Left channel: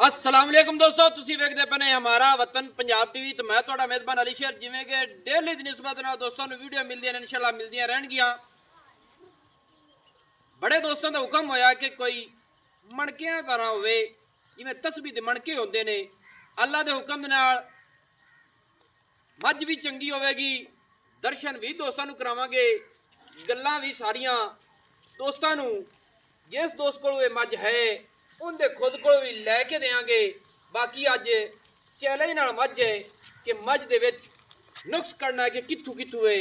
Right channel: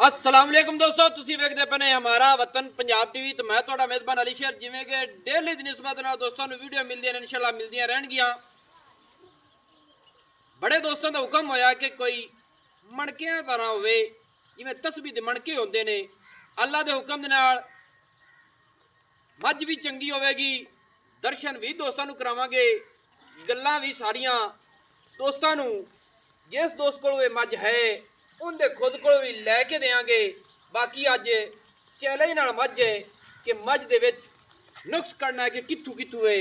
अस्सलाम वालेकुम दोस्तों, तुसी वेखदे पने हमारा वतन पंजाब टीवी। तो मैं तुहाडा मेजबान अली शेर। जिवें कि डेली दी निस्बत नाल दोस्तों नूं वीडियो मिलदियां ने, इंशाअल्लाह मिलदियां रहणगियां। बड़े दोस्तों दा हुक्म होया कि कोई मणकियां तरह होवे, जिवें तस्बीह दे मणके होंदे ने। अल्लाह दे हुक्म दे नाल मੱਝ भी चंगी होवेगी, दर्शन भी दोस्तों नूं करावांगे, गल्लां भी सारियां दोस्तों नूं जिस दोस्त कोल ये मੱਝ है उनके खुद को भी लैके देंगे। बाकी अज चैलेंज नाल मੱਝ है कि मੱਝ दे विच नुक्स करना है कि कित्थों कित्थों है।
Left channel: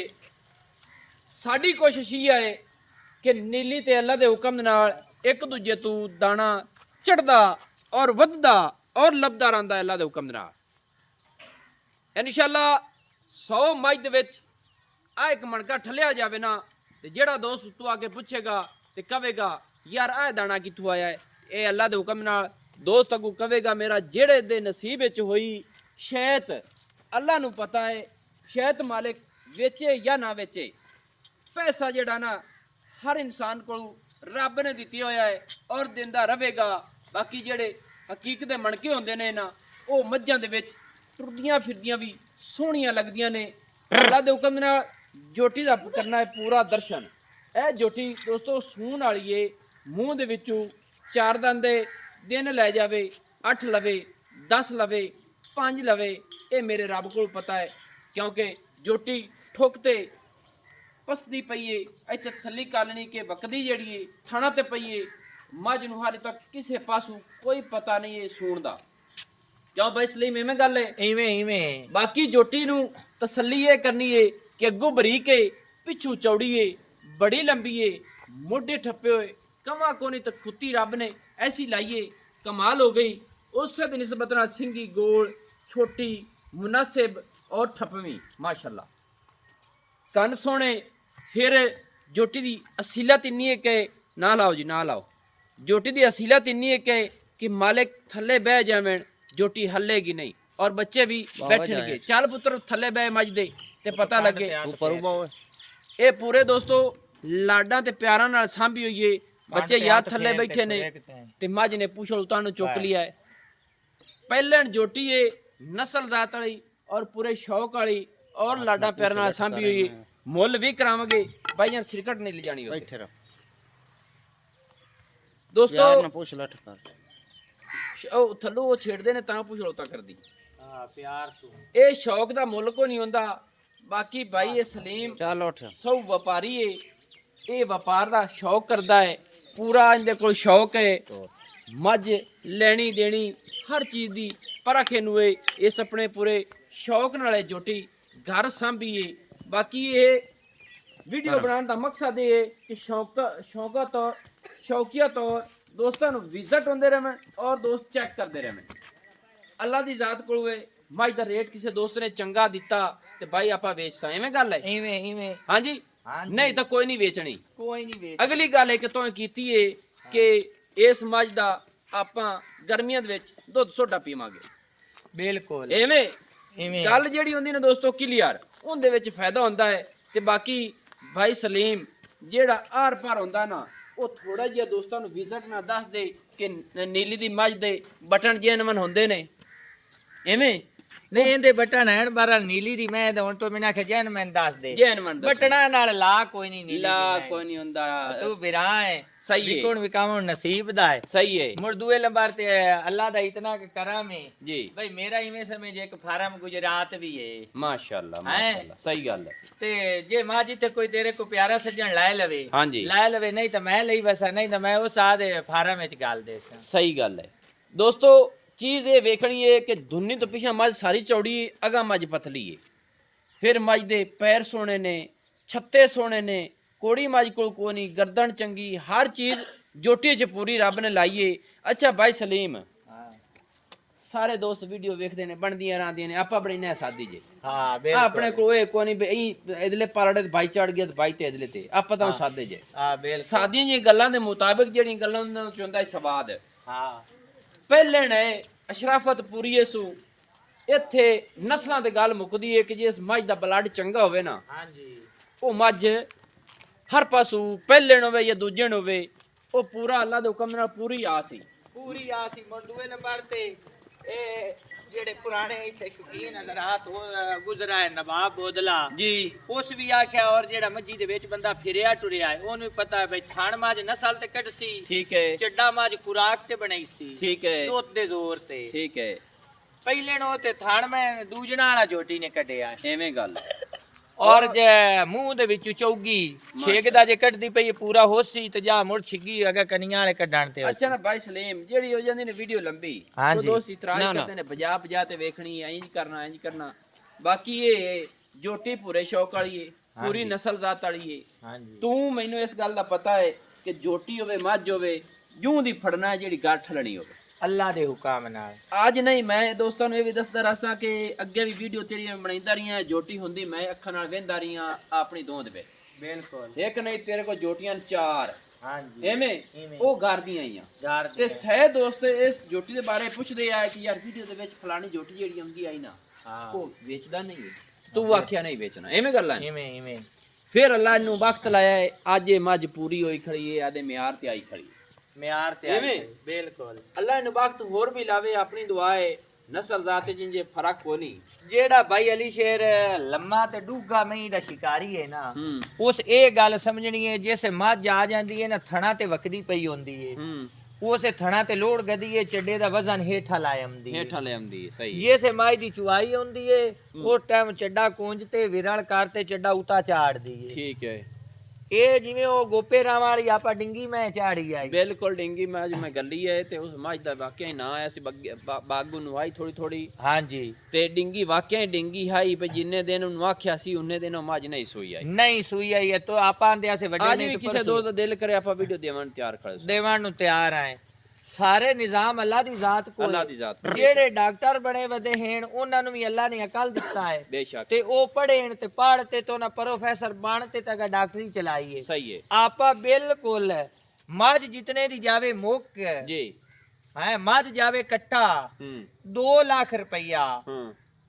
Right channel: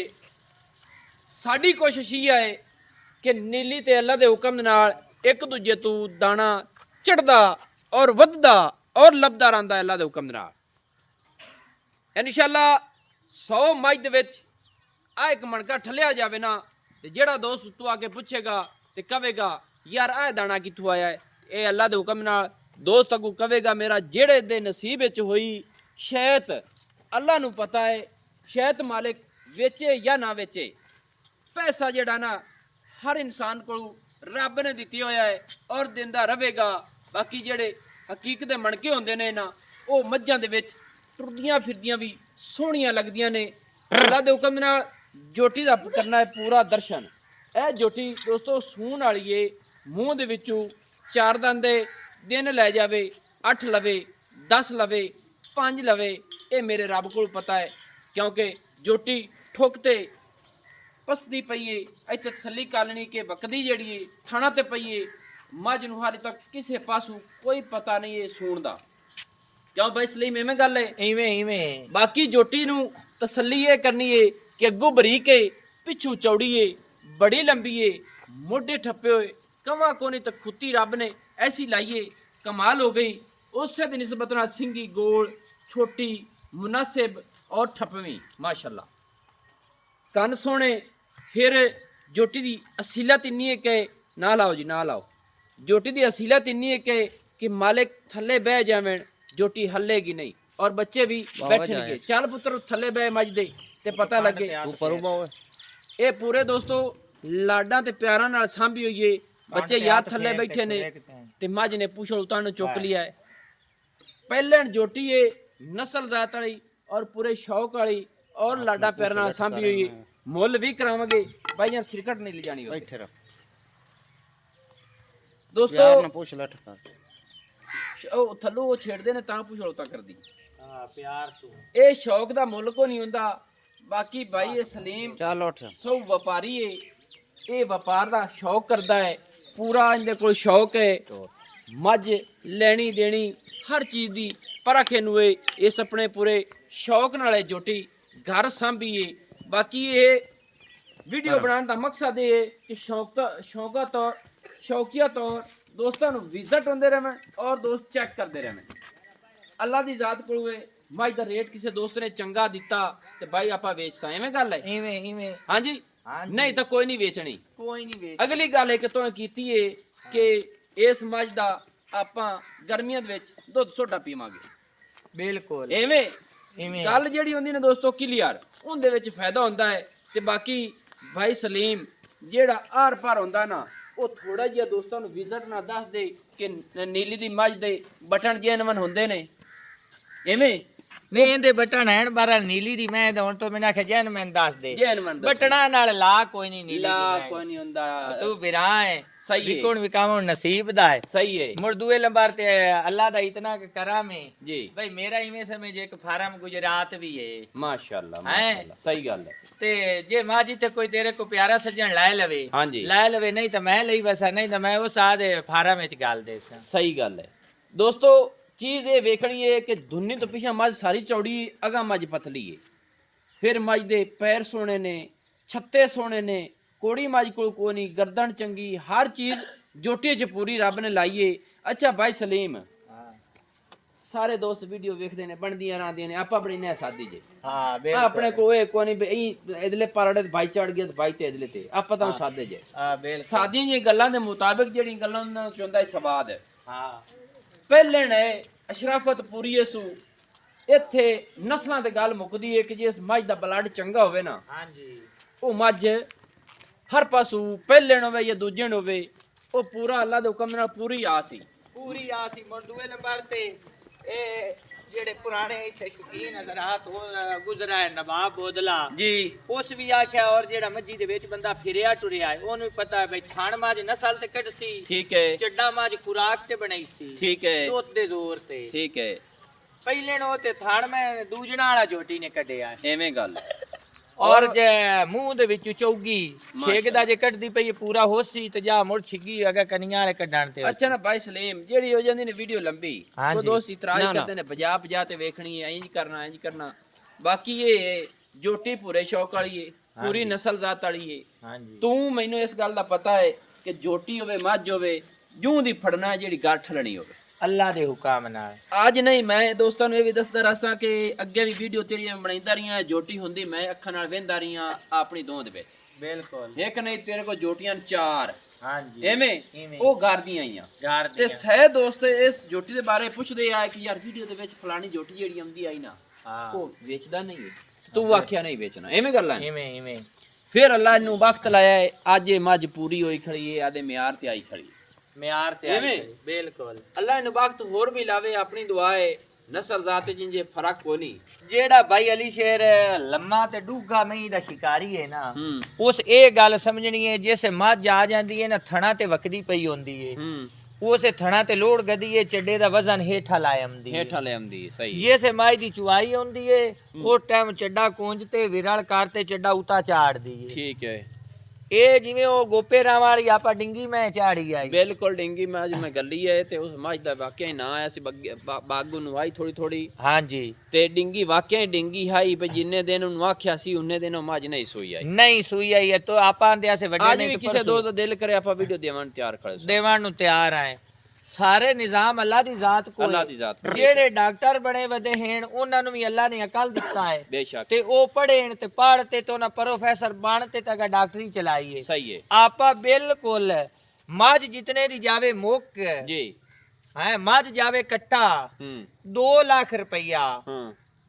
साडी कोशिश ये है कि नीली ते अल्लाह दे हुक्म नाल एक दूजे तू दाना चढ़दा और वधदा और लभदा रहिंदा अल्लाह दे हुक्म नाल। इंशाअल्लाह 100 मੱਝ दे विच आ एक मणका ठलिया जावे ना, ते जेड़ा दोस्त तू आके पूछेगा ते कहेगा यार आ दाना कित्थों आया है, ये अल्लाह दे हुक्म नाल दोस्त अगू कहेगा मेरा जेड़े दे नसीब विच होई शैत अल्लाह नूं पता है। शैत मालिक वेचे या ना वेचे, पैसा जेड़ा ना हर इंसान को रब ने दित्ती होया है और दिंदा रहेगा। बाकी जेड़े हकीकत दे मणके होंदे ने ना, वो मੱਝਾਂ दे विच टुरदियां फिरदियां भी सोहणियां लगदियां ने। अल्लाह दे हुक्म नाल जोटी दा करना है पूरा दर्शन। ए जोटी दोस्तों सूण वाली है, मूँह दे विचों 4 दंदे दिन लै जावे, 8 लवे, 10 लवे, 5 लवे, ये मेरे रब को पता है। क्योंकि जोटी ठुकते पसदी पई है, इत्थे तसल्ली कर लेनी कि बकदी जिहड़ी है थणा ते पई है। मੱਝ नूं हाले तक किसी पासों कोई पता नहीं है सूण दा। क्यों भाई सलीम इवें गल है? इवें बाकी जोटी नूं तसल्ली ये करनी है कि अगों बरीक है, पिछू चौड़ी है, बड़ी लंबी है, मोढे ठप्पे हुए, कवा कोनी तो खुत्ती रब ने ऐसी लाइए कमाल हो गई। उससे दी निस्बत नाल सिंगी गोल छोटी मुनासिब और ठप्पवी माशाअल्लाह। कन सोने फिर जोटी दी असीलत इन्नी है कि ना लाओ जी ना लाओ। जोटी दी असीलत इन्नी है कि मालिक थल्ले बह जावें जोटी हल्लेगी नहीं और बच्चे भी बैठेंगे। चल पुत्र थल्ले बह मੱਝ दे ते पता लगे। ये पूरे दोस्तों लाडा ते प्यारा नाल सांभी हुई है। बच्चे याद थल्ले बैठे ने ते मੱਝ ने पूछल उतानु चुक लिया है। पहले जोटी है नस्ल जात वाली और पूरे शौक वाली और लाडा प्यारा नाल सांभी हुई है। मुल भी करावांगे भाई, यार सिरकट नहीं ले जानी बैठे रहो दोस्तों। प्यार ना पूछ लट कर ओ थल्लो वो छेड़दे ने तां पूछ लौता कर दी। हां प्यार तू ए शौक दा मुल को नहीं हुंदा। बाकी भाई ये सलीम चल उठ सब व्यापारी है, ये व्यापार दा शौक करदा है पूरा। इनदे कोल शौक है मੱਝ लेनी देनी हर चीज़ दी परख इनू है। इस अपने पूरे शौक नाल जोटी घर सांभी है। बाकी ये वीडियो बनाने का मकसद ये है कि शौकिया तौर दोस्तों विजिट होंदे रहें और दोस्त चेक करते रहें। अल्लाह की जात को मੱਝ का रेट किसी दोस्त ने चंगा दिता तो भाई आप वेचता इवें गल है। हाँ जी नहीं तो कोई नहीं बेचनी, कोई नहीं। अगली गल एक तो कीती है कि इस मੱਝ का आपां गर्मियां दे विच दुध सोडा पीवांगे। बिल्कुल इवें गल जिहड़ी हुंदी ने दोस्तों क्लियर, उहदे विच फायदा हुंदा है। ते बाकी भाई सलीम जेड़ा आर पार हुंदा ना, वो थोड़ा जिहा दोस्तों नूं विजिट ना दस दे कि नीली दी मੱਝ दे बटन जेनवन हुंदे ने इवें नहीं। इहदे बटन हैं बहरहाल नीली दी मैं हुण तो मैंने आख्या जेनवन दस दे, बटना नाल ला कोई नहीं, नीली ला कोई नहीं हुंदा। तू बिरा है सही है, विकुण विकावण नसीब दा है सही है। मुड़ दुए नंबर ते अल्लाह दा इतना करम है जी भाई। मेरा इवें समझ एक फार्म गुजरात भी है माशाअल्लाह माशाअल्लाह सही गल है। ते जे माजी ते कोई तेरे को प्यारा सज्जन लाए लवे, हां जी लाए लवे, नहीं तो मैं लई बसा, नहीं तो मैं उस आदे फार्म विच गल दे सही गल है। दोस्तों चीज़ ये वेखनी है कि धुन्नी तो पिछा मੱਝ सारी चौड़ी, अगा मੱਝ पतली है। फिर मੱਝ दे पैर सोने ने, छत्ते सोने ने, कोड़ी मੱਝ को नहीं, गर्दन चंगी, हर चीज़ जोटी च पूरी रब ने लाई है। अच्छा भाई सलीम सारे दोस्त वीडियो वेखते ने बनदियां रहंदियां ने, आप बड़ी सादी जे हां अपने को नहीं इधले पालड़े भाई चढ़ गया भाई ते इधले ते आप तां सादे जे सादियां जी गल्लां दे मुताबिक जेड़ी गल्लां चुंदा सवाद हां। पहले ने अशराफत पूरी है सू इत्थे नस्लां ते गल मुकदी है कि जिस मੱਝ दा ब्लड चंगा होवे ना, हां जी वो मੱਝ हर पासों पहले होवे या दूजे होवे वो पूरा अल्लाह दे हुक्म नाल पूरी आस ही ਪੂਰੀ ਆ ਸੀ ਮੁੰਡੂਏ ਨੰਬਰ ਤੇ ਇਹ ਜਿਹੜੇ ਪੁਰਾਣੇ ਇੱਥੇ ਸ਼ੌਕੀਨ ਹਜ਼ਰਾਤ ਗੁਜ਼ਰਾ ਹੈ ਨਵਾਬ ਬੋਦਲਾ ਜੀ ਉਸ ਵੀ ਆਖਿਆ ਔਰ ਜਿਹੜਾ ਮੱਜੀ ਦੇ ਵਿੱਚ ਬੰਦਾ ਫਿਰਿਆ ਟੁਰਿਆ ਹੈ ਉਹਨੂੰ ਪਤਾ ਬਈ ਥਣ ਮਾਜ ਨਸਲ ਤੇ ਕੱਢ ਸੀ ਠੀਕ ਹੈ ਚੱਡਾ ਮਾਜ ਖੁਰਾਕ ਤੇ ਬਣਾਈ ਸੀ ਠੀਕ ਹੈ ਦੁੱਧ ਦੇ ਜ਼ੋਰ ਤੇ ਠੀਕ ਹੈ ਪਹਿਲੇ ਨੂੰ ਤੇ ਥਣ ਮੈਂ ਦੂਜਣਾ ਵਾਲਾ ਝੋਟੀ ਨੇ ਕੱਢਿਆ ਐਵੇਂ ਗੱਲ ਔਰ ਜੇ ਮੂੰਹ ਦੇ ਵਿੱਚ ਚੌਗੀ ਛੇਕਦਾ ਜੇ ਕੱਢਦੀ ਪਈ ਪੂਰਾ ਹੋਸੀ ਤੇ ਜਾ ਮੁੜ ਛਿੱਗੀ ਅਗਾ ਕਨੀਆਂ ਵਾਲੇ ਕੱਢਣ ਤੇ ਅੱਛਾ ਨਾ ਭਾਈ ਸਲੀਮ ਜਿਹੜੀ ਹੋ ਜਾਂਦੀ ਨੇ ਵੀਡੀਓ ਲੰਬੀ ਉਹ ਦੋਸਤ ਇਤਰਾਜ਼ ਕਰਦੇ ਨੇ 50 ਤੇ ਵੇਖਣੀ ਐ ਇੰਜ ਕਰਨਾ ਬਾਕੀ ਇਹ ਜੋਟੀ ਪੂਰੇ ਸ਼ੌਕ ਵਾਲੀ ਏ ਪੂਰੀ ਨਸਲ ਜ਼ਾਤ ਵਾਲੀ ਏ ਹਾਂਜੀ ਤੂੰ ਮੈਨੂੰ ਇਸ ਗੱਲ ਦਾ ਪਤਾ ਹੈ ਕਿ ਜੋਟੀ ਹੋਵੇ ਮੱਝ ਹੋਵੇ ਜੂੰ ਦੀ ਫੜਨਾ ਜਿਹੜੀ ਗੱਠ ਲੈਣੀ ਹੋਵੇ ਅੱਲਾ ਦੇ ਹੁਕਮ ਨਾਲ ਅੱਜ ਨਹੀਂ ਮੈਂ ਦੋਸਤਾਂ ਨੂੰ ਇਹ ਵੀ ਦੱਸਦਾ ਰਸਾਂ ਕਿ ਅੱਗੇ ਵੀ ਵੀਡੀਓ ਤੇਰੀਆਂ ਬਣਾਈਂਦਾ ਰਹੀਆਂ ਜੋਟੀ ਹੁੰਦੀ ਮੈਂ ਅੱਖਾਂ ਨਾਲ ਵੇਂਦਾ ਰਹੀਆਂ ਆਪਣੀ ਦੋਂਦ ਵਿੱਚ ਬਿਲਕੁਲ ਇੱਕ ਨਹੀਂ ਤੇਰੇ ਕੋਲ ਜੋਟੀਆਂ 4 ਹਾਂਜੀ ਐਵੇਂ ਉਹ ਗਾਰਦੀਆਂ ਆਈਆਂ ਯਾਰ ਤੇ ਸਹਿ ਦੋਸਤ ਇਸ ਜੋਟੀ ਦੇ ਬਾਰੇ ਪੁੱਛਦੇ ਆ ਕਿ ਯਾਰ ਵੀਡੀਓ ਦੇ ਵਿੱਚ ਫਲਾਣੀ ਜੋਟੀ ਜਿਹੜੀ ਆਉਂਦੀ ਆਈ ਨਾ ਉਹ ਵੇਚਦਾ ਨਹੀਂ ਹੈ ਤੂੰ ਆਖਿਆ ਨਹੀਂ ਵੇਚਣਾ ਐਵੇਂ ਗੱਲਾਂ ਇਵੇਂ ਫਿਰ ਅੱਲਾ ਇਹਨੂੰ ਵਕਤ ਲਾਇਆ ਹੈ ਅੱਜ ਇਹ ਮੱਝ ਪੂਰੀ ਹੋਈ ਖੜੀ ਹੈ ਆਦੇ ਮਿਆਰ ਤੇ ਆਈ ਖੜੀ ਮਿਆਰ ਤੇ ਐਵੇਂ ਬਿਲਕੁਲ ਅੱਲਾ ਇਹਨੂੰ ਵਕਤ ਹੋਰ ਵੀ ਲਾਵੇ ਆਪਣੀ ਦੁਆ ਹੈ ਨਸਲ ਜ਼ਾਤ ਜਿੰਜੇ ਫਰਕ ਕੋ ਨਹੀਂ ਜਿਹੜਾ ਭਾਈ ਅਲੀ ਸ਼ੇਰ ਲੰਮਾ ਤੇ ਡੂਗਾ ਮਈ ਦਾ ਸ਼ਿਕਾਰੀ ਹੈ ਨਾ ਉਸ ਇਹ ਗੱਲ ਸਮਝਣੀ ਹੈ ਜਿਸ ਮੱਝ ਆ ਜਾਂਦੀ ਹੈ ਨਾ ਥਣਾ ਤੇ ਵਕਦੀ ਪਈ ਹੁੰਦੀ ਹੈ ਉਸੇ ਥਣਾ ਤੇ ਲੋੜ ਗਦੀ ਹੈ ਚੱਡੇ ਦਾ ਵਜ਼ਨ ਹੇਠਾਂ ਲਾ ਆਉਂਦੀ ਹੈ ਸਹੀ ਜਿਸੇ ਮਾਈ ਦੀ ਚੁਆਈ ਹੁੰਦੀ ਹੈ ਉਹ ਟਾਈਮ ਚੱਡਾ ਕੂੰਜ ਤੇ ਵਿਰਲ ਕਰਤੇ ਚੱਡਾ ਉਤਾ ਚਾੜਦੀ ਹੈ ਠੀਕ ਹੈ ਇਹ ਜਿਵੇਂ ਉਹ ਗੋਪੇ ਰਾਮ ਵਾਲੀ ਆਪਾਂ ਡਿੰਗੀ ਮੈਂ ਚਾੜੀ ਆਈ ਬਿਲਕੁਲ ਡਿੰਗੀ ਮੈਂ ਅੱਜ ਮੈਂ ਗੱਲੀ ਹੈ ਤੇ ਉਸ ਮੱਝ ਦਾ ਵਾਕਿਆ ਹੀ ਨਾ ਆਇਆ ਸੀ ਬਾਗੂ ਨੂੰ ਆਈ ਥੋੜੀ ਹਾਂਜੀ ਤੇ ਡਿੰਗੀ ਵਾਕਿਆ ਹੀ ਡਿੰਗੀ ਹਾਈ ਪਈ ਜਿੰਨੇ ਦਿਨ ਉਹਨੂੰ ਆਖਿਆ ਸੀ ਉਹਨੇ ਦਿਨ ਉਹ ਮੱਝ ਨਹੀਂ ਸੂਈ ਆਈ ਨਹੀਂ ਸੂਈ ਆਈ ਹੈ ਤਾਂ ਆਪਾਂ ਆਂਦੇ ਆਸੇ ਵੱਡੇ ਅੱਜ ਨਹੀਂ ਵੀ ਕਿਸੇ ਦੋਸਤ ਦਾ ਦਿਲ ਕਰੇ ਆਪਾਂ ਵੀਡੀਓ ਦੇਵਣ ਤਿਆਰ ਖੜੇ ਦੇਵਣ ਨੂੰ ਤਿਆਰ ਆਏ ਸਾਰੇ ਨਿਜ਼ਾਮ ਅੱਲਾ ਦੀ ਜ਼ਾਤ ਕੋਲ ਅੱਲਾ ਦੀ ਜ਼ਾਤ ਜਿਹੜੇ ਡਾਕਟਰ ਬਣੇ ਵਦੇ ਹਨ ਉਹਨਾਂ ਨੂੰ ਵੀ ਅੱਲਾ ਨੇ ਅਕਲ ਦਿੱਤਾ ਹੈ ਬੇਸ਼ੱਕ ਤੇ ਉਹ ਪੜ੍ਹੇ ਤੇ ਪੜ੍ਹ ਤੇ ਉਹਨਾਂ ਪ੍ਰੋਫੈਸਰ ਬਣ ਤੇ ਤੱਕ ਡਾਕਟਰੀ ਚਲਾਈ ਹੈ ਸਹੀ ਹੈ ਆਪਾਂ ਬਿਲਕੁਲ ਮੱਝ ਜਿਤਨੇ ਦੀ ਜਾਵੇ ਮੁੱਕ ਜੀ ਹੈ ਮੱਝ ਜਾਵੇ ਕੱਟਾ 2 ਲੱਖ ਰੁਪਈਆ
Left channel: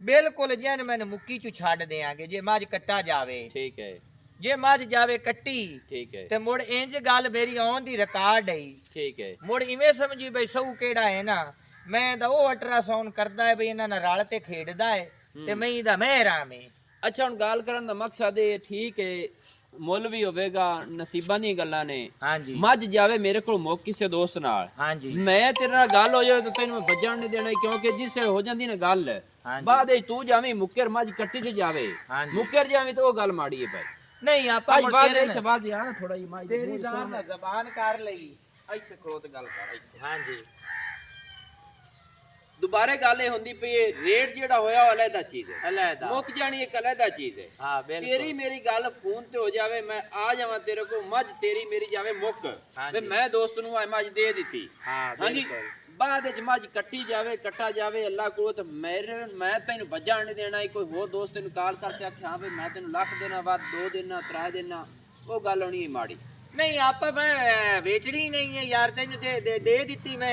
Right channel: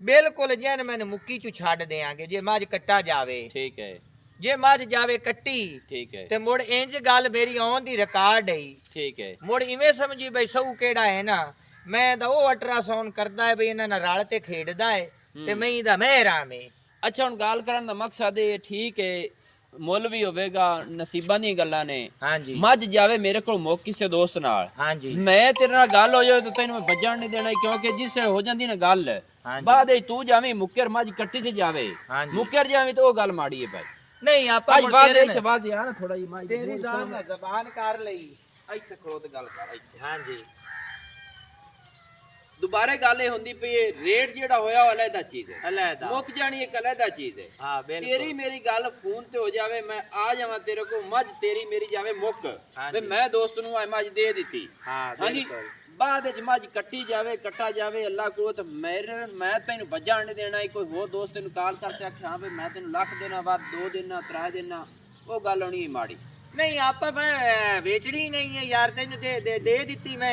ਬਿਲਕੁਲ ਜਨ ਮੈਨੂੰ ਮੁੱਕੀ ਚ ਛੱਡ ਦੇਾਂਗੇ ਜੇ ਮੱਝ ਕੱਟਾ ਜਾਵੇ ਠੀਕ ਹੈ ਜੇ ਮੱਝ ਜਾਵੇ ਕੱਟੀ ਠੀਕ ਹੈ ਤੇ ਮੁੜ ਇੰਜ ਗੱਲ ਮੇਰੀ ਆਉਣ ਦੀ ਰਿਕਾਰਡ ਹੈ ਠੀਕ ਹੈ ਮੁੜ ਇਵੇਂ ਸਮਝੀ ਬਈ ਸਹੂ ਕਿਹੜਾ ਹੈ ਨਾ ਮੈਂ ਤਾਂ ਉਹ ਅਲਟਰਾਸਾਊਂਡ ਕਰਦਾ ਹੈ ਬਈ ਇਹਨਾਂ ਨਾਲ ਰਲ ਤੇ ਖੇਡਦਾ ਹੈ ਤੇ ਮੈਂ ਇਹਦਾ ਮਹਿਰਾਮੇ ਅੱਛਾ ਹੁਣ ਗੱਲ ਕਰਨ ਦਾ ਮਕਸਦ ਇਹ ਠੀਕ ਹੈ ਮੁੱਲ ਵੀ ਹੋਵੇਗਾ ਨਸੀਬਾਂ ਦੀਆਂ ਗੱਲਾਂ ਨੇ ਹਾਂਜੀ ਮੱਝ ਜਾਵੇ ਮੇਰੇ ਕੋਲ ਮੁੱਕ ਕਿਸੇ ਦੋਸਤ ਨਾਲ ਹਾਂਜੀ ਮੈਂ ਤੇਰੇ ਨਾਲ ਗੱਲ ਹੋ ਜਾਵੇ ਤਾਂ ਤੈਨੂੰ ਮੈਂ ਵੱਜਣ ਨਹੀਂ ਦੇਣਾ ਕਿਉਂਕਿ ਜਿਸ ਹੋ ਜਾਂਦੀ ਨਾ ਗੱਲ ਬਾਅਦ ਵਿੱਚ ਤੂੰ ਜਾਵੇਂ ਮੁੱਕਰ ਮੱਝ ਕੱਟੀ ਚ ਜਾਵੇ ਮੁੱਕਰ ਜਾਵੇਂ ਤਾਂ ਉਹ ਗੱਲ ਮਾੜੀ ਹੈ ਭਾਈ ਨਹੀਂ ਆਪਾਂ ਅੱਜ ਬਾਅਦ ਵਿੱਚ ਬਾਅਦ ਯਾਰ ਥੋੜਾ ਜਿਹਾ ਮੱਝ ਤੇਰੀ ਦਾਨ ਜ਼ਬਾਨ ਕਰ ਲਈ ਇੱਥੇ ਖਲੋਤ ਗੱਲ ਕਰ ਇੱਥੇ ਹਾਂਜੀ ਦੁਬਾਰੇ ਗੱਲ ਇਹ ਹੁੰਦੀ ਪਈ ਹੈ ਰੇਟ ਜਿਹੜਾ ਹੋਇਆ ਉਹ ਅਲੱਗਾ ਚੀਜ਼ ਹੈ ਅਲੱਗਾ ਮੁੱਕ ਜਾਣੀ ਇੱਕ ਅਲੱਗਾ ਚੀਜ਼ ਹੈ ਹਾਂ ਬਿਲਕੁਲ ਤੇਰੀ ਮੇਰੀ ਗੱਲ ਫੋਨ ਤੇ ਹੋ ਜਾਵੇ ਮੈਂ ਆ ਜਾਵਾਂ ਤੇਰੇ ਕੋਲ ਮੱਝ ਤੇਰੀ ਮੇਰੀ ਜਾਵੇ ਮੁੱਕ ਤੇ ਮੈਂ ਦੋਸਤ ਨੂੰ ਆ ਮੱਝ ਦੇ ਦਿੱਤੀ ਹਾਂਜੀ ਬਾਅਦ ਵਿੱਚ ਮੱਝ ਕੱਟੀ ਜਾਵੇ ਕੱਟਾ ਜਾਵੇ ਅੱਲਾ ਕੋ ਤੇ ਮੈਂ ਤੈਨੂੰ ਵੱਜਣ ਨਹੀਂ ਦੇਣਾ ਕੋਈ ਹੋਰ ਦੋਸਤ ਤੈਨੂੰ ਕਾਲ ਕਰਕੇ ਆਖਿਆ ਹਾਂ ਵੀ ਮੈਂ ਤੈਨੂੰ ਲੱਖ ਦੇਣਾ ਬਾਅਦ 2 ਦੇਣਾ 3 ਦੇਣਾ ਉਹ ਗੱਲ ਹੋਣੀ ਮਾੜੀ ਨਹੀਂ ਆਪਾਂ ਮੈਂ ਵੇਚਣੀ ਨਹੀਂ ਹੈ ਯਾਰ ਤੈਨੂੰ ਦੇ ਦਿੱਤੀ ਮੈਂ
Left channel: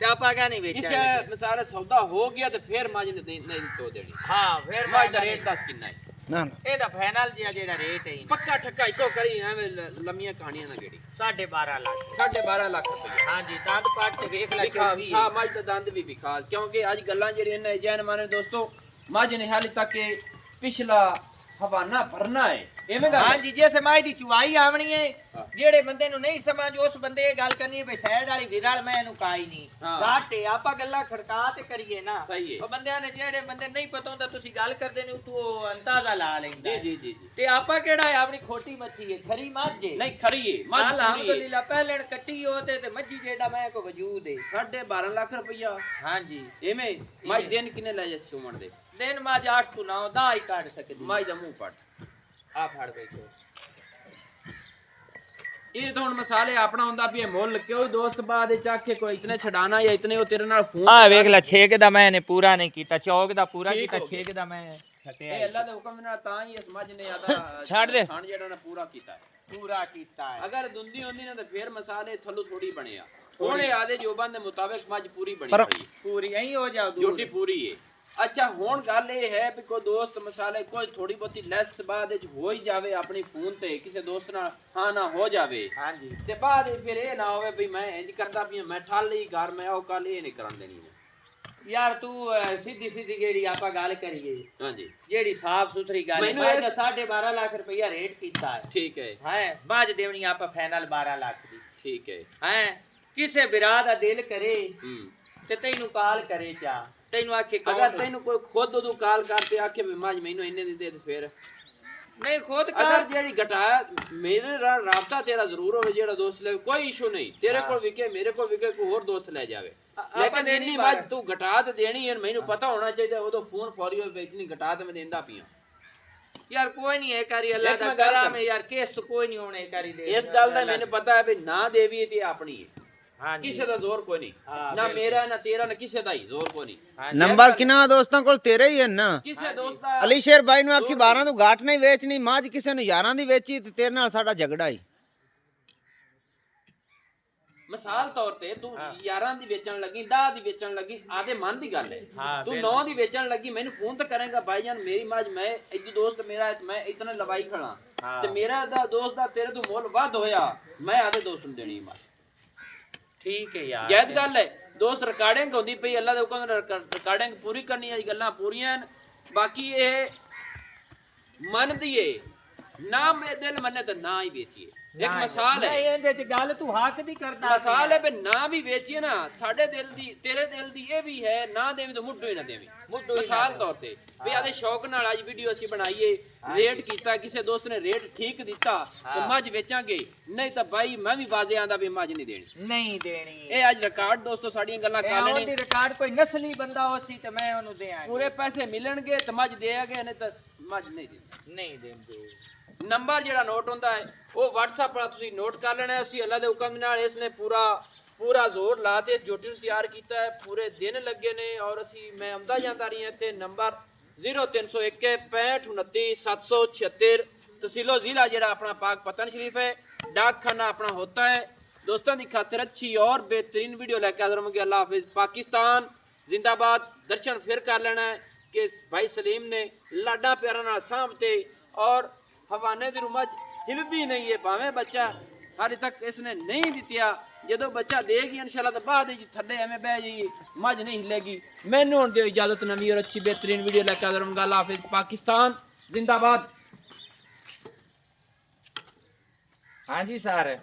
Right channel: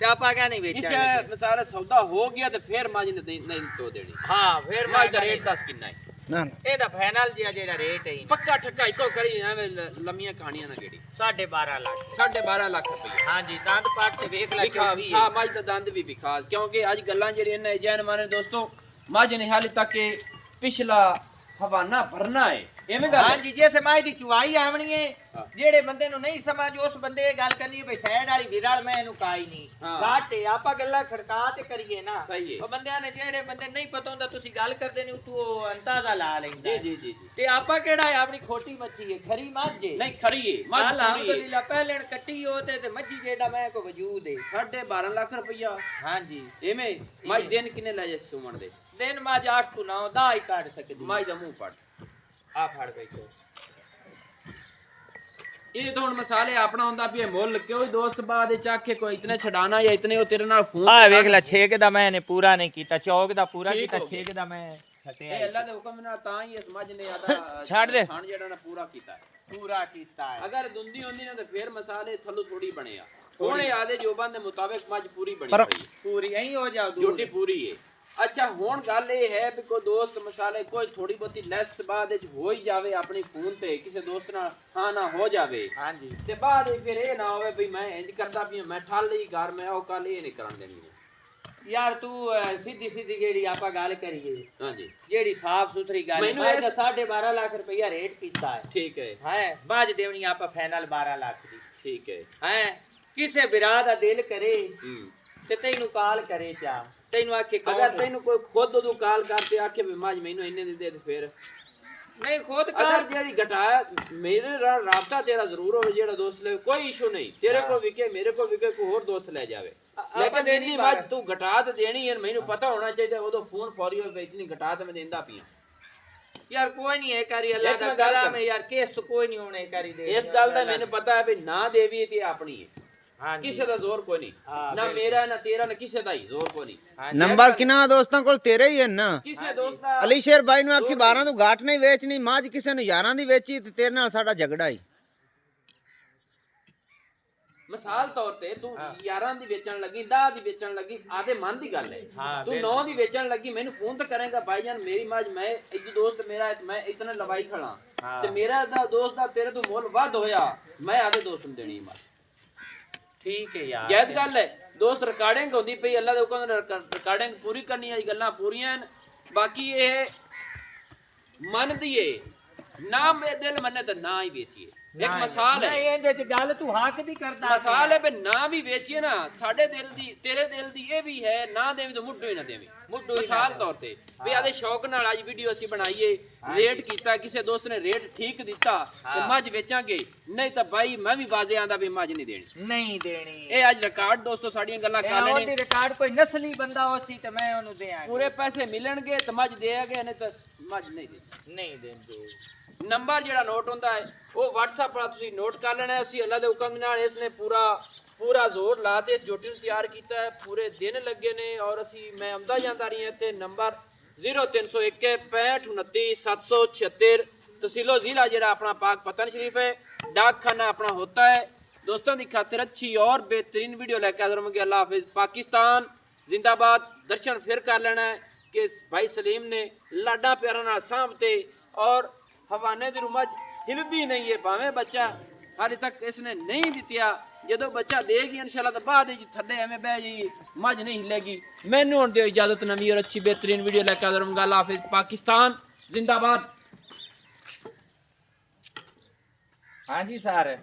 ਤੇ ਆਪਾਂ ਕਿਆ ਨਹੀਂ ਵੇਚਣਾ ਇਸ ਸਾਰਾ ਸੌਦਾ ਹੋ ਗਿਆ ਤੇ ਫਿਰ ਮੱਝ ਨਹੀਂ ਤੋ ਦੇਣੀ ਹਾਂ ਫਿਰ ਮੱਝ ਦਾ ਰੇਟ ਦੱਸ ਕਿੰਨਾ ਹੈ ਨਾ ਇਹਦਾ ਫਾਈਨਲ ਜਿਹੜਾ ਰੇਟ ਹੈ ਪੱਕਾ ਠੱਕਾ ਇੱਕੋ ਕਰੀ ਐਵੇਂ ਲੰਮੀਆਂ ਕਹਾਣੀਆਂ ਨਾ ਕਿਹੜੀ 12.5 ਲੱਖ 12.5 ਲੱਖ ਰੁਪਏ ਹਾਂਜੀ ਦੰਦ ਪਾਟ ਤੇ ਵੇਖ ਲੈ ਚੋਦੀ ਹਾਂ ਮੱਝ ਦਾ ਦੰਦ ਵੀ ਵਿਖਾ ਕਿਉਂਕਿ ਅੱਜ ਗੱਲਾਂ ਜਿਹੜੀਆਂ ਨੇ ਜੈਨ ਮਾਨੇ ਦੋਸਤੋ ਮੱਝ ਨੇ ਹਾਲੇ ਤੱਕ ਪਿਛਲਾ ਹਵਾਨਾ ਭਰਨਾ ਹੈ ਐਵੇਂ ਗੱਲ ਹਾਂਜੀ ਜੇ ਸਮਾਜ ਦੀ ਚੁਆਈ ਆਵਣੀ ਹੈ ਜਿਹੜੇ ਬੰਦੇ ਨੂੰ ਨਹੀਂ ਸਮਝ ਉਸ ਬੰਦੇ ਇਹ ਗੱਲ ਕਰਨੀ ਹੈ ਸਾਈਡ ਵਾਲੀ ਵਿਰਲ ਮੈਂ ਇਹਨੂੰ ਕਾਈ ਨਹੀਂ ਘਾਟੇ ਆਪਾਂ ਗੱਲਾਂ ਖੜਕਾ ਤੇ ਕਰੀਏ ਨਾ ਉਹ ਬੰਦਿਆਂ ਨੇ ਜਿਹੜੇ ਬੰਦੇ ਨਹੀਂ ਪਤਾ ਹੁੰਦਾ ਤੁਸੀਂ ਗੱਲ ਕਰਦੇ ਨੇ ਉਹ ਅੰਦਾਜ਼ਾ ਲਾ ਲੈਂਦਾ ਜੀ ਤੇ ਆਪਾਂ ਕਿਹੜਾ ਹੈ ਆਪਣੀ ਖੋਟੀ ਮੱਛੀ ਹੈ ਖਰੀ ਮੱਝ ਹੈ ਨਹੀਂ ਖਰੀ ਹੈ ਅਲਹਮਦੁਲਿਲਾ ਪਹਿਲਣ ਕੱਟੀ ਉਹ ਤੇ ਮੱਝੀ ਜਿਹੜਾ ਮੈਂ ਕੋ ਵਜੂਦ ਹੈ 12.5 ਲੱਖ ਰੁਪਇਆ ਹਾਂਜੀ ਐਵੇਂ ਮੱਝ ਦਿਨ ਕਿੰਨੇ ਲੈ ਜਾ ਸੁਮਣ ਦੇ ਦਿਨ ਮੱਝ 8 ਤੋਂ 9 10 ਹੀ ਕੱਢ ਸਕਦੀ ਮੱਝ ਦਾ ਮੂੰਹ ਪੜ ਆ ਫੜ ਬੈਠੋ ਇਹ ਤਾਂ ਹੁਣ ਮਸਾਲੇ ਆਪਣਾ ਹੁੰਦਾ ਵੀ ਇਹ ਮੁੱਲ ਕਿਉਂ ਦੋਸਤ ਬਾਅਦ ਵਿੱਚ ਆਖੇ ਕੋਈ ਇਤਨੇ ਛਡਾਣਾ ਜਾਂ ਇਤਨੇ ਉਹ ਤੇਰੇ ਨਾਲ ਫੋਨ ਆ ਵੇਖ ਲੈ ਛੇਕ ਦਾ ਮੈਂ ਨੇ ਪੂਰਾ ਨਹੀਂ ਕੀਤਾ ਚੌਕ ਦਾ ਪੂਰਾ ਕੀਤਾ ਛੇਕ ਦਾ ਮੈਂ ਛੱਟਿਆ ਇਹ ਅੱਲਾ ਦੇ ਹੁਕਮ ਨਾਲ ਤਾਂ ਹੀ ਇਸ ਮੱਝ ਨੇ ਆਦਾ ਛੱਡ ਦੇ ਖਾਣ ਜਿਹੜਾ ਨਾ ਪੂਰਾ ਕੀਤਾ ਪੂਰਾ ਕੀਤਾ ਹੈ ਅਗਰ ਦੁੰਦੀ ਹੁੰਦੀ ਨਾ ਤਾਂ ਫੇਰ ਮਸਾਲੇ ਥੱਲੋਂ ਥੋੜੀ ਬਣਿਆ ਉਹਨੇ ਆਦੇ ਜੋਬਾਂ ਦੇ ਮੁਤਾਬਿਕ ਮੱਝ ਪੂਰੀ ਬਣੀ ਪਰ ਹੋਈ ਪੂਰੀ ਐਂ ਹੋ ਜਾਓ ਜੋਟੀ ਪੂਰੀ ਹੈ ਅੱਛਾ ਹੁਣ ਗੱਲ ਇਹ ਹੈ ਵੀ ਕੋਈ ਦੋਸਤ ਮਸਾਲੇ ਕੋਈ ਥੋੜੀ ਬਹੁਤੀ ਲੈਸ ਬਾਅਦ ਵਿੱਚ ਹੋ ਹੀ ਜਾਵੇ ਆਪਣੀ ਫੋਨ ਤੇ ਕਿਸੇ ਦੋਸਤ ਨਾਲ ਹਾਂ ਨਾ ਹੋ ਜਾਵੇ ਹਾਂਜੀ ਤੇ ਬਾਅਦ ਵਿੱਚ ਫਿਰ ਇਹ ਨਾ ਹੋਵੇ ਵੀ ਮੈਂ ਇੰਜ ਕਰਦਾ ਵੀ ਮੈਂ ਠੱਲ ਲਈ ਘਰ ਮੈਂ ਉਹ ਕੱਲ ਇਹ ਨਹੀਂ ਕਰਾਂਦੇ ਨਹੀਂ ਯਾਰ ਤੂੰ ਸਿੱਧੀ ਜਿਹੜੀ ਆਪਾਂ ਗੱਲ ਕਰੀਏ ਹਾਂਜੀ ਜਿਹੜੀ ਸਾਫ ਸੁਥਰੀ ਗੱਲ ਮੈਨੂੰ ਹੈ ਇਸ- 12.5 ਲੱਖ ਰੁਪਇਆ ਰੇਟ ਕੀਤਾ ਹੈ ਠੀਕ ਹੈ ਹੈ ਬਾਜ ਦੇਵਣੀ ਆਪਾਂ ਫਾਈਨਲ 12 ਲੱਖ ਦੀ ਠੀਕ ਹੈ ਹੈ ਕਿਸੇ ਬਿਰਾ ਦਾ ਦਿਲ ਕਰੇ ਹੂੰ ਤੇ ਤੈਨੂੰ ਕਾਲ ਕਰੇ ਚਾ ਤੈਨੂੰ ਆਖੇ ਅਗਰ ਤੈਨੂੰ ਕੋਈ ਖੁਦ ਉਦੋਂ ਕਾਲ ਕਰਕੇ ਆਖੇ ਵੀ ਮਾਜ ਮੈਨੂੰ ਇੰਨੇ ਦੀ ਦੇ ਫੇਰ ਨਹੀਂ ਖੁਦ ਅਗਰ ਕਾਲ ਜਿਹੜੀ ਘਟਾਇਆ ਮੇਰੇ ਨਾਲ ਰਾਬਤਾ ਤੇਰਾ ਜ਼ਰੂਰ ਹੋਵੇ ਜਿਹੜਾ ਦੋਸਤ ਲੈ ਕੋਈ ਇਸ਼ੂ ਨਹੀਂ ਤੇਰੇ ਕੋਲ ਵਿਕੇ ਮੇਰੇ ਕੋਲ ਵਿਕੇ ਕੋਈ ਹੋਰ ਦੋਸਤ ਲੈ ਜਾਵੇ ਲੇਕਿਨ ਇੰਨੀ ਮੱਝ ਤੂੰ ਘਟਾ ਤੇ ਦੇਣੀ ਹੈ ਮੈਨੂੰ ਪਤਾ ਹੋਣਾ ਚਾਹੀਦਾ ਉਦੋਂ ਫੋਨ ਫੌਰੀ ਹੋਵੇ ਇਤਨੀ ਘਟਾ ਤੇ ਮੈਂ ਦਿੰਦਾ ਪਿਆ ਯਾਰ ਕੋਈ ਨਹੀਂ ਇਹ ਕਰੀ ਅੱਲਾ ਦਾ ਕਰਮ ਹੈ ਯਾਰ ਕੇਸ ਤਾਂ ਕੋਈ ਨਹੀਂ ਹੋਣੇ ਕਰੀ ਦੇ ਇਸ ਗੱਲ ਦਾ ਮੈਨੂੰ ਪਤਾ ਹੈ ਵੀ ਨਾ ਦੇਵੀ ਤੇ ਆਪਣੀ ਹੈ ਹਾਂਜੀ ਕਿਸੇ ਦਾ ਜ਼ੋਰ ਕੋਈ ਨਹੀਂ ਨਾ ਮੇਰਾ ਨਾ ਤੇਰਾ ਨਾ ਕਿਸੇ ਦਾ ਹੀ ਜ਼ੋਰ ਕੋਈ ਨਹੀਂ ਨੰਬਰ ਕਿੰਨਾ ਦੋਸਤਾਂ ਕੋਲ ਤੇਰੇ ਹੀ ਹੈ ਨਾ ਕਿਸੇ ਦੋਸਤ ਦਾ ਅਲੀ ਸ਼ੇਰ ਬਾਈ ਨੂੰ ਆਖੀ 12 ਤੋਂ ਘਾਟ ਨਹੀਂ ਵੇਚਣੀ ਮਾਝ ਕਿਸੇ ਨੂੰ 11 ਦੀ ਵੇਚੀ ਤੇ ਤੇਰੇ ਨਾਲ ਸਾਡਾ ਝਗੜਾ ਹੀ ਮਿਸਾਲ ਤੌਰ ਤੇ ਤੂੰ 11 ਦੀ ਵੇਚਣ ਲੱਗੀ 10 ਦੀ ਵੇਚਣ ਲੱਗੀ ਆਦੇ ਮਨ ਦੀ ਗੱਲ ਹੈ ਤੂੰ 9 ਦੀ ਵੇਚਣ ਲੱਗੀ ਮੈਨੂੰ ਫੋਨ ਤੇ ਕਰੇਗਾ ਭਾਈਜਾਨ ਮੇਰੀ ਮਾਝ ਮੈਂ ਇੱਕ ਦੋਸਤ ਮੇਰਾ ਮੈਂ ਇਤਨਾ ਲਵਾਈ ਖੜਾ ਤੇ ਮੇਰਾ ਦਾ ਦੋਸਤ ਦਾ ਤੇਰੇ ਤੋਂ ਮੁੱਲ ਵੱਧ ਹੋਇਆ ਮੈਂ ਆਦੇ ਦੋਸਤ ਨੂੰ ਦੇਣੀ ਮਾਝ ਠੀਕ ਹੈ ਯਾਰ ਜਾਇਜ਼ ਗੱਲ ਹੈ ਦੋਸਤ ਰਿਕਾਰਡਿੰਗ ਹੁੰਦੀ ਪਈ ਅੱਲਾ ਦੇ ਹੁਕਮ ਨਾਲ ਰਿਕਾਰਡਿੰਗ ਪੂਰੀ ਕਰਨੀ ਹੈ ਗੱਲਾਂ ਪੂਰੀਆਂ ਬਾਕੀ ਇਹ ਮੰਨਦੀ ਏ ਨਾ ਮੇ ਦਿਲ ਮੰਨੇ ਤਾਂ ਨਾ ਹੀ ਵੇਚੀਏ ਇੱਕ ਮਿਸਾਲ ਹੈ ਇਹਦੇ ਚ ਗੱਲ ਤੂੰ ਹੱਕ ਦੀ ਕਰਦਾ ਮਿਸਾਲ ਹੈ ਵੀ ਨਾ ਵੀ ਵੇਚੀਏ ਨਾ ਸਾਡੇ ਦਿਲ ਦੀ ਤੇਰੇ ਦਿਲ ਦੀ ਇਹ ਵੀ ਹੈ ਨਾ ਦੇਵੀ ਤਾਂ ਮੁੱਢੋਂ ਹੀ ਨਾ ਦੇਵੀ ਮਿਸਾਲ ਤੌਰ ਤੇ ਵੀ ਆਦੇ ਸ਼ੌਕ ਨਾਲ ਅੱਜ ਵੀਡੀਓ ਅਸੀਂ ਬਣਾਈਏ ਰੇਟ ਕੀਤਾ ਕਿਸੇ ਦੋਸਤ ਨੇ ਰੇਟ ਠੀਕ ਦਿੱਤਾ ਤੇ ਮੱਝ ਵੇਚਾਂਗੇ ਨਹੀਂ ਤਾਂ ਬਾਈ ਮੈਂ ਵੀ ਬਾਜ਼ੇ ਆਂਦਾ ਵੀ ਮੱਝ ਨਹੀਂ ਦੇਣੀ ਨਹੀਂ ਦੇਣੀ ਇਹ ਅੱਜ ਰਿਕਾਰਡ ਦੋਸਤੋ ਸਾਡੀਆਂ ਗੱਲਾਂ ਕਰ ਲੈਣੇ ਉਹਦੀ ਰਿਕਾਰਡ ਕੋਈ ਨਸਲੀ ਬੰਦਾ ਹੋਸੀ ਤੇ ਮੈਂ ਉਹਨੂੰ ਦਿਆਂ ਪੂਰੇ ਪੈਸੇ ਮਿਲਣਗੇ ਤੇ ਮੱਝ ਦੇਾਂਗੇ ਨਹੀਂ ਤਾਂ ਮੱਝ ਨਹੀਂ ਦੇਣੀ ਨਹੀਂ ਦਿੰਦੇ ਨੰਬਰ ਜਿਹੜਾ ਨੋਟ ਹੁੰਦਾ ਹੈ ਉਹ WhatsApp ਪਰ ਤੁਸੀਂ ਨੋਟ ਕਰ ਲੈਣਾ ਹੈ ਅਸੀਂ ਅੱਲਾ ਦੇ ਹੁਕਮ ਨਾਲ ਇਸ ਨੇ ਪੂਰਾ ਜ਼ੋਰ ਲਾ ਕੇ ਜੋਟੀ ਨੂੰ ਤਿਆਰ ਕੀਤਾ ਹੈ ਪੂਰੇ ਦਿਨ ਲੱਗੇ ਨੇ ਔਰ ਅਸੀਂ ਮੈਂ ਆਉਂਦਾ ਜਾਂਦਾ ਰਹੀ ਹਾਂ ਇੱਥੇ ਨੰਬਰ 0301 6529 776 तहसीलो जिला ਜਿਹੜਾ ਆਪਣਾ ਪਾਕ ਪਤਨ ਸ਼ਰੀਫ ਹੈ डाकखाना अपना होता है दोस्तों की खातिर अच्छी और बेहतरीन वीडियो लेकर हाजिर होंगे अल्लाह हाफिज पाकिस्तान जिंदाबाद दर्शन फिर कर लेना है कि भाई सलीम ने लाडा प्यारा नाल सामते और हवाने दी रुमज हिलदी नहीं है भावें बच्चा हाले तक इसने नहीं दित्या ਜਦੋਂ ਬੱਚਾ ਦੇਗੀ ਇਨਸ਼ਾਅੱਲਾ ਤਾਂ ਬਾਅਦ ਵਿੱਚ ਥੱਲੇ ਐਵੇਂ ਬਹਿ ਜਾਈਏ ਮੱਝ ਨਹੀਂ ਹਿੱਲੇਗੀ ਮੈਨੂੰ ਹੁਣ ਦਿਓ ਇਜਾਜ਼ਤ ਨਵੀਂ ਔਰ ਅੱਛੀ बेहतरीन वीडियो लेकर हाजिर होंगे अल्लाह हाफिज पाकिस्तान जिंदाबाद ਹਾਂਜੀ ਸਰ